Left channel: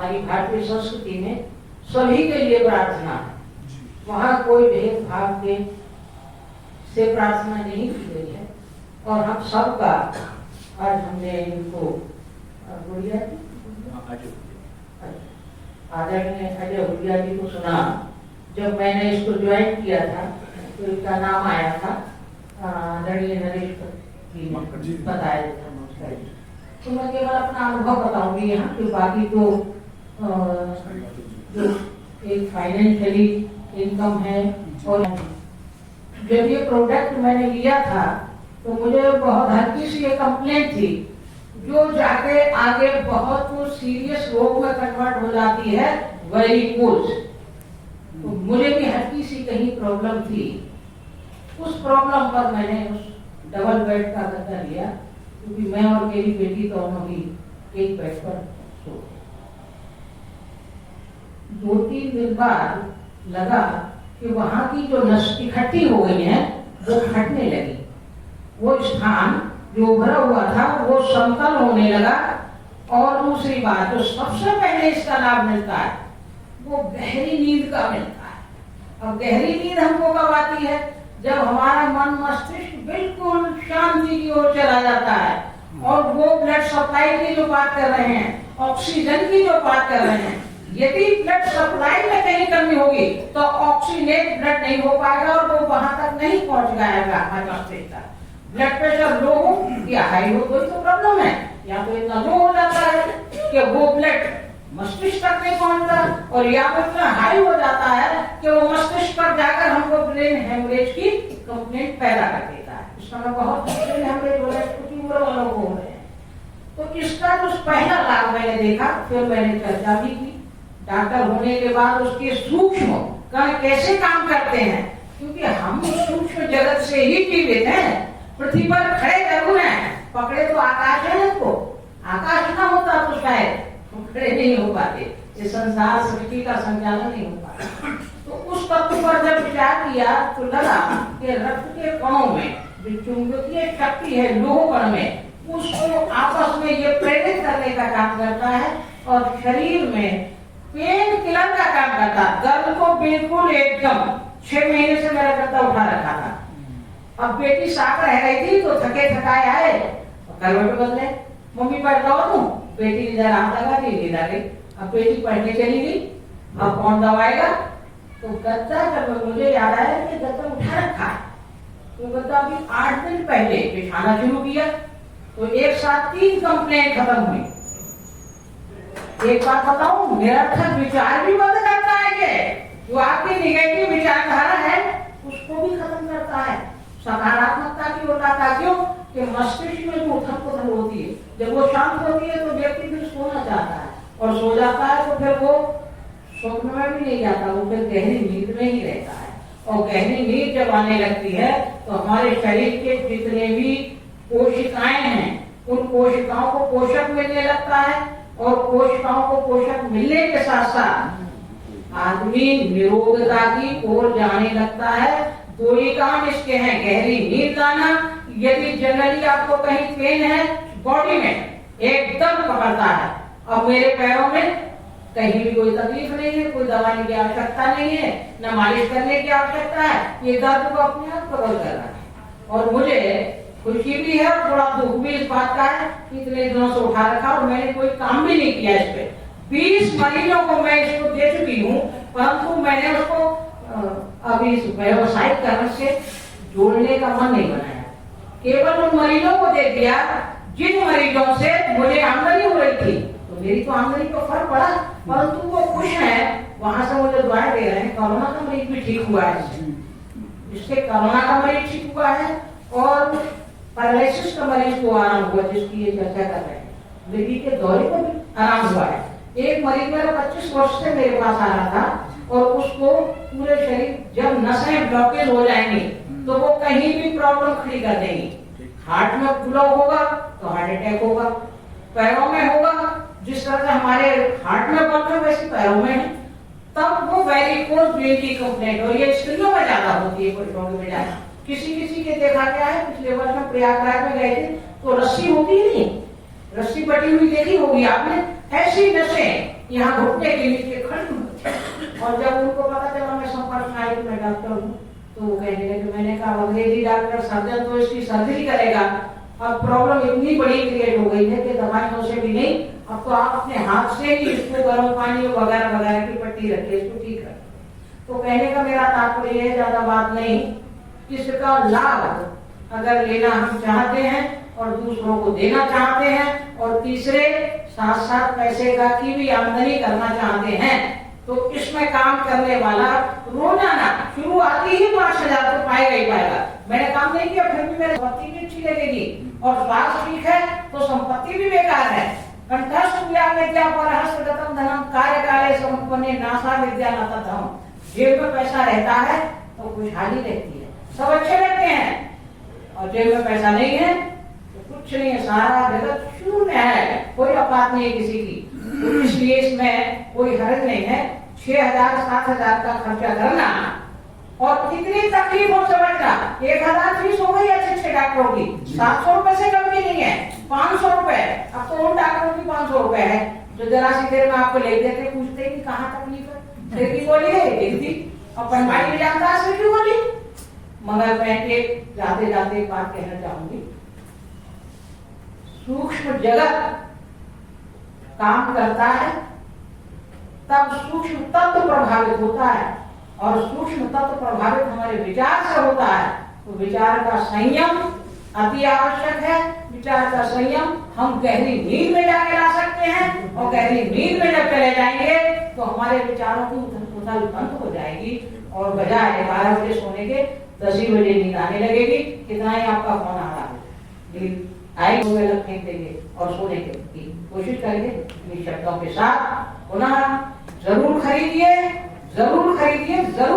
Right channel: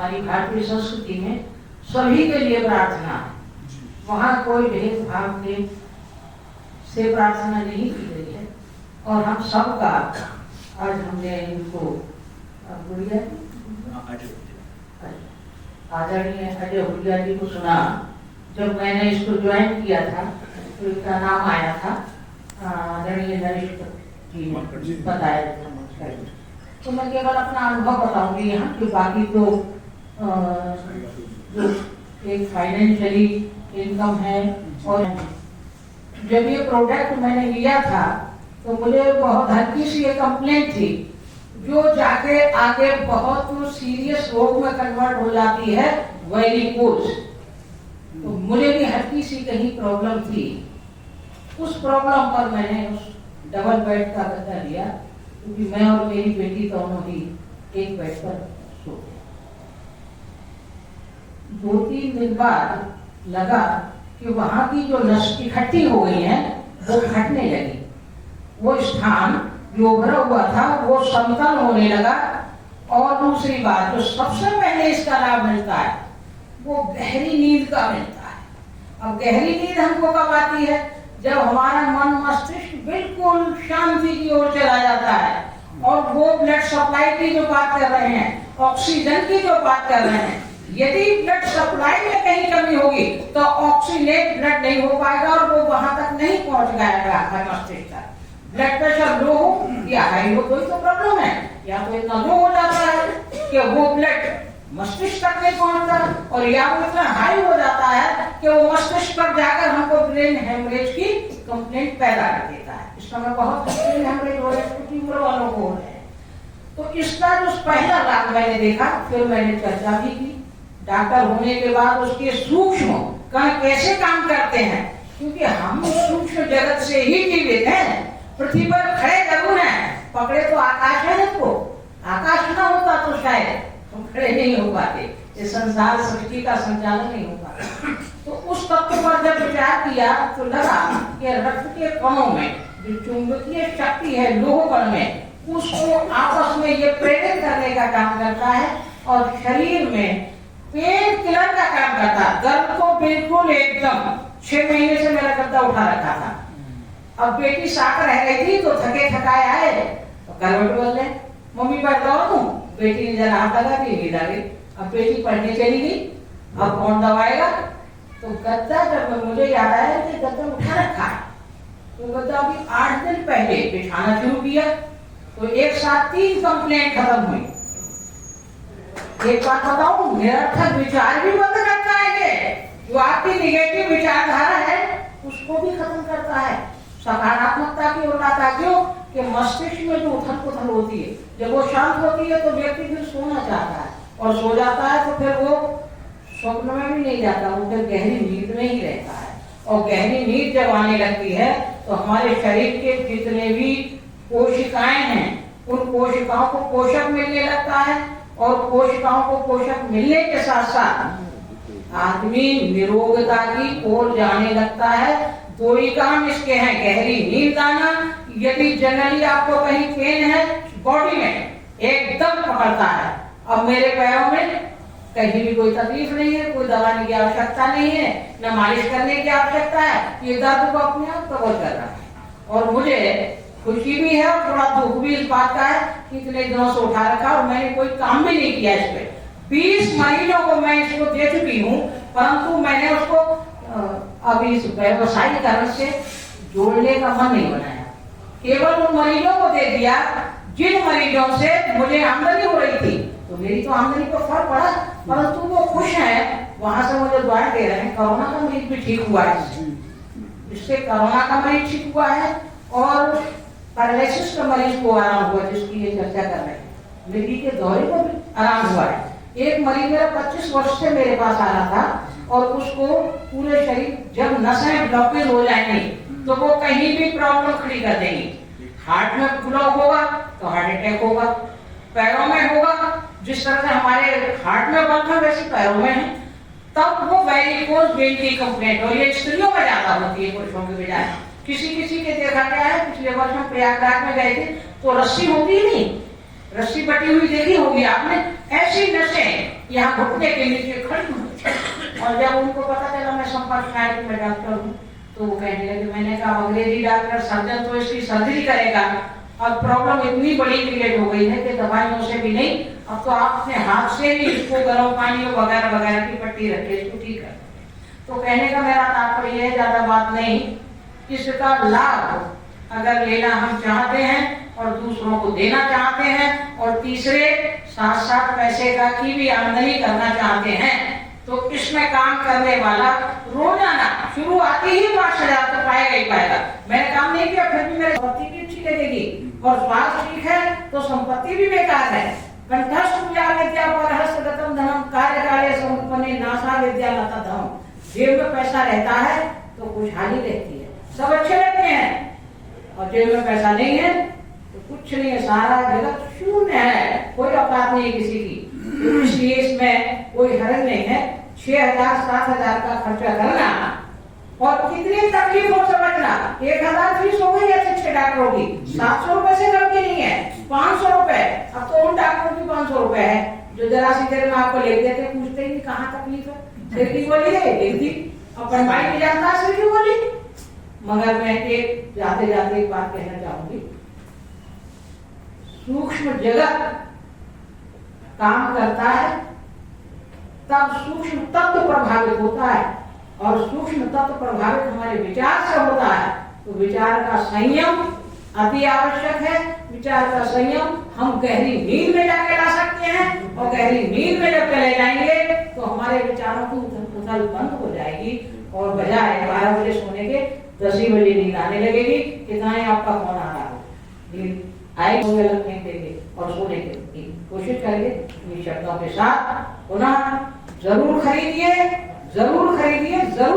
हमारी भारतीय संस्कृति में सभी के लिए प्रार्थना है, वहाँ कोई भेदभाव के से प्रार्थना नहीं की गई है। और हम सबका आज हमने इनको गुड़िया आदरणीय अजय हुलिया जी को सुना। जब मैंने इसको ज्वाइन किया था तो इसका नाम आया था आदरणीय नरेश जी ने बताया था। तो मैं केवल अपना अनुभव बताऊंगी यहाँ कि बाकी तो जो एक फाइनेंशियली इनकम है। और जब ये प्रोडक्ट मैंने लिया था तो मुझे बहुत हल्की सी एक कंप्लेंट थी जो जाके आगे बहुत सीरियस रोग में कन्वर्ट हो जाती है, वेरिकोज। तो मुझे भी हल्की सी कहीं प्रॉब्लम थी। उस प्रॉब्लम पर मैंने उस डबल बेड का गद्दा लिया क्योंकि मैं और मेरी बेटी दोनों ही एक बेड पर सो। 2-3 दिन बाद लगा कि वहां की जो नस इकट्ठी हो गई है वो फटने लगी। वो स्थान जो उभरा हुआ था वो समतल होने लगा। और दूसरी बात जो सबसे पहले इसका लाभ मिलता है वो गहरी नींद का मिलता है। अब गहरी नींद हमको कब आती है? जब हमारा मन मस्तिष्क बिल्कुल शांति की ओर चला जाता है और वो ब्लड सप्लाई की जो बात कर रहे हैं, ऑक्सीजन की जो बात कर रहे हैं, यदि ब्लड सप्लाई में कहीं कमी होगी तो ऑक्सीनेट ब्लड नहीं हो पाएगा और वो वहां तक नहीं पहुंच जाएगा मस्तिष्क तक। ब्लड प्रेशर लो हो या हाई हो तो प्रॉब्लम है, या तो इतना लो हो जाता है कि वो ब्लड मस्तिष्क तक नहीं पहुंचता, और या तो इतना हाई हो जाता है कि वो मस्तिष्क पर जाकर हमको ब्रेन हेमरेज की कंप्लेंट पैदा कर देता है। इस समय बहुत ब्रेन हेमरेज हो रहे हैं, तीव्र अनुभव हो रहे हैं। तो इसका जो पहला लाभ मैंने देखा, फिर मैंने चर्चा भी की। डॉक्टर होने के बाद उसके सूक्ष्म कण कैसे काम करते हैं, क्योंकि हम सूक्ष्म जगत से ही जीवित हैं। पृथ्वी पर खड़े जरूर हैं, पकड़े तो आकाश है हमको। आकाश ना होता तो शायद हम खड़े नहीं हो पाते, ये संसार सृष्टि का संचालन नहीं हो पाता। तो उस तत्व पर जब विचार किया तो लगा कि रक्त के कणों में जो चुंबकीय शक्ति है लोह कण में, उसको आपस में ये प्रेरित करने का काम करता है और शरीर में पेन किलर का काम करता। दर्द को बिल्कुल एकदम 6 महीने से मेरा गद्दा उठा रखा था। अब बेटी साथ रह रही थी तो थके थकाए आए तो करवट बदले, मम्मी बैठ जाओ तुम। बेटी ने जरा हाथ लगा के नींद आ गई। अब बेटी पढ़ने चली गई, अब कौन दबाएगा? तो गद्दा जब मुझे याद आया कि गद्दा उठा रखा है, तो गद्दा अभी 8 दिन पहले बिछाना शुरू किया तो एक साथ 3 कंप्लेंट खत्म हुई। एक बात बताऊं, निरर्थक विचार भी बंद करता है, जो आपकी निगेटिव विचारधारा है उसको भी खत्म करता है, सकारात्मकता की ओर आता। क्यों? कि मस्तिष्क में जो उथल पुथल होती है, जब वो शांत होती है तो व्यक्ति फिर सोना चाहता है, और सो जाता है तो फिर वो स्वप्न में भी नहीं जाता, वो फिर गहरी नींद में ही रहता है। और गहरी नींद जब आने लगती है तो हमारे शरीर के जितने भी कोशिकाएं हैं उन कोशिकाओं को पोषक मिलने लगता है, और कोशिकाओं को पोषक मिलने के साथ साथ आदमी निरोगता की ओर जाने लगता है। 2 ही काम इसके हैं, गहरी नींद आना। यदि जनरली आपको कहीं पेन है बॉडी में, एकदम पकड़ता है। अब मेरे पैरों में कहीं भी कोई तकलीफ नहीं है, कोई दवाने की आवश्यकता नहीं है, न मालिश करने की आवश्यकता है, ये दर्द को अपने आप कवर कर रहा है। और मुझे खुशी भी है और थोड़ा दुख भी इस बात का है कि इतने दिनों से उठा रखा और मैंने कोई काम भी नहीं किया इस पे। 20 महीनों को मैं इसको दे चुकी हूँ, परंतु मैंने उसको अभी इस व्यवसायीकरण से जोड़ने का मन नहीं बनाया। केवल उन मरीजों को दे दिया जिन मरीजों से मुझे आमदनी हो रही थी, तो मेरी तो आमदनी पर फर्क पड़ा, परंतु वो खुश हैं, वहां से मुझे दुआ दे रहे हैं। कोरोना का मरीज भी ठीक हुआ है, इससे कोरोना का मरीज ठीक हुआ है और पैरालिसिस का मरीज को आराम हुआ, जिसकी ये चर्चा कर रहे हैं। मृत्यु के दौरे को भी आराम हुआ है। एक मरीज मेरा 25 वर्ष से मेरे पास आ रहा था और उसको पूरे शरीर जब नसें ब्लॉकेज हो जाएंगी तो वो कहीं भी प्रॉब्लम खड़ी कर देंगी। हार्ट में ब्लॉक होगा तो हार्ट अटैक होगा, पैरों में होगा, जिस तरह से हमारे हार्ट में ब्लॉक है वैसे पैरों में है, तब वो वेरिकोज वेन की कंप्लेंट, और ये स्त्रियों में ज्यादा होती है पुरुषों के बजाय। किसी किसी के देखा गया है, पिछले वर्ष हम प्रयागराज में गए थे तो रस्सी होती ही नहीं, रस्सी बटी हुई देखी होगी आपने, ऐसी नसें यहाँ घुटने के नीचे खड़ी हुई थी। और जब उनको पता चला मैं संपर्क में आई, मैं डॉक्टर हूँ, तो वो कहने लगे, मैंने कहा अंग्रेजी डॉक्टर सर्जन तो इसकी सर्जरी करेगा, और प्रॉब्लम इतनी बड़ी क्रिएट हो गई है कि दवाइयों से भी नहीं, अब तो आप अपने हाथ से ही इसको गर्म पानी वगैरह वगैरह की पट्टी रखे, इसको ठीक कर। तो कहने का मेरा तात्पर्य है, ज्यादा बात नहीं, इसका लाभ अगर लेना हम चाहते हैं और दूसरों को देना चाहते हैं, और तीसरे साथ साथ पैसे का की भी आमदनी करना चाहते हैं, तो इसमें काम करने वाला रोजाना शुरुआती ही 5,000 तो पाएगा ही पाएगा। मैंने काम नहीं किया फिर भी मेरी संपत्ति भी अच्छी लगेगी, और स्वास्थ्य ठीक है तो संपत्ति भी बेकार है। कंठस्थ विद्या पर हस्तगतम धनम कार्य काले समुपन्ने नासा विद्या लता धम। जेब में पैसा रहता है तो खुशहाली रहती है, सब अच्छे रहते हैं, और जेब में पैसा नहीं है तो कुछ नहीं है, सारा जगत शून्य है, कोई औकात नहीं है किसी की। इसलिए इसमें कोई हर्ज नहीं है। 6,000-7,000 का खर्चा करना और कितनी तकलीफ हो समझना। 1,000 फीस हो गई अच्छे डॉक्टरों की, 700 रुपए से कम की नहीं है, 500 रुपए। अब तो उन डॉक्टरों की 500 रुपए है जो जरा सी देर में आपको ले देते, पूछते ही कहाँ तकलीफ है, सिर की गोली है देखती, अपन भाई भी जानता है सिर की गोली। मगर मैं एक जाते जाते एक बात कहना चाहूंगी, सूक्ष्म जगत काम करता है तब सूक्ष्म तत्व प्रभावित होता है, और सूक्ष्म तत्व प्रभावित हमारे विचार से होता है। तो विचार का संयम अति आवश्यक है। विचार का संयम हम गहरी नींद में जाके ला सकते हैं, और गहरी नींद में जब चले जाएंगे तो हमारे विचारों की उथल बंद हो जाएगी, और बजाय 12 बजे सोने के 10 ही बजे नींद आने लगेगी। कितना ही आपका फोन आ रहा हो, नींद आई तो गलत नहीं देंगे और सोने की कोशिश करेंगे। इन शब्दों के साथ पुनः जरूर खरीदिए, जरूर खरीदिए, जरूर